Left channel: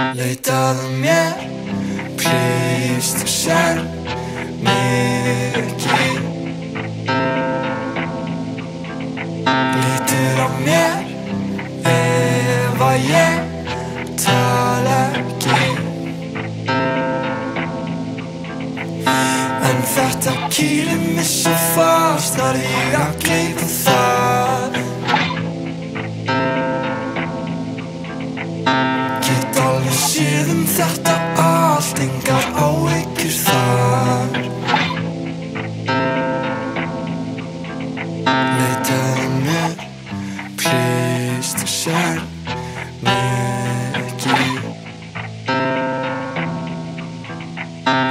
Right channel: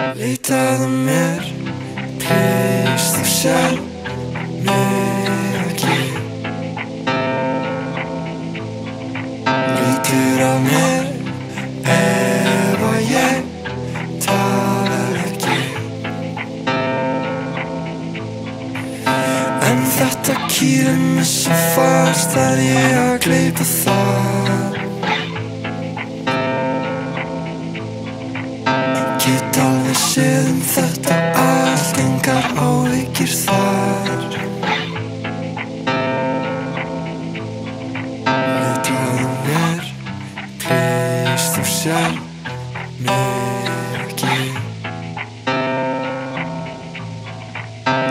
Leitaðu mér, please, þú sér mig ekki. Lítur á mér ef að ég tala ekki. En þetta kýlir mig svo fast að ég gleypi það. Get alveg séð þetta allt, engar áhyggjur þar. Leitaðu mér, please, þú sér mig ekki.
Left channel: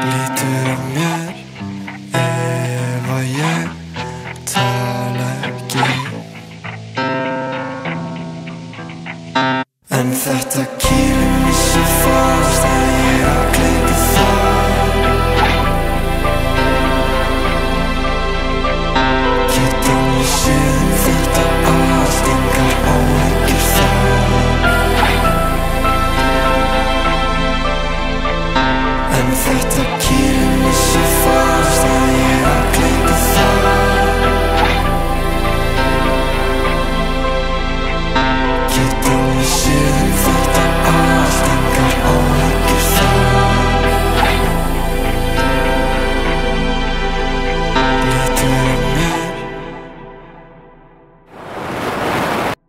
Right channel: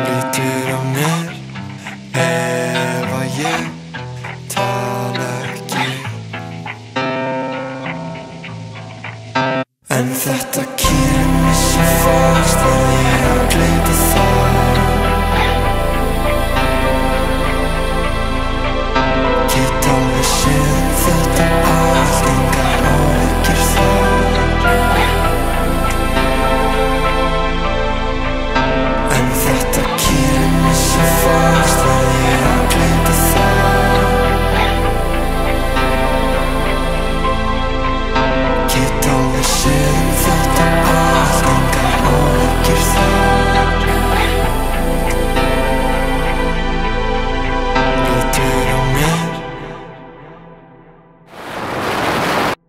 Lítur á mér ef að ég tala ekki. En þetta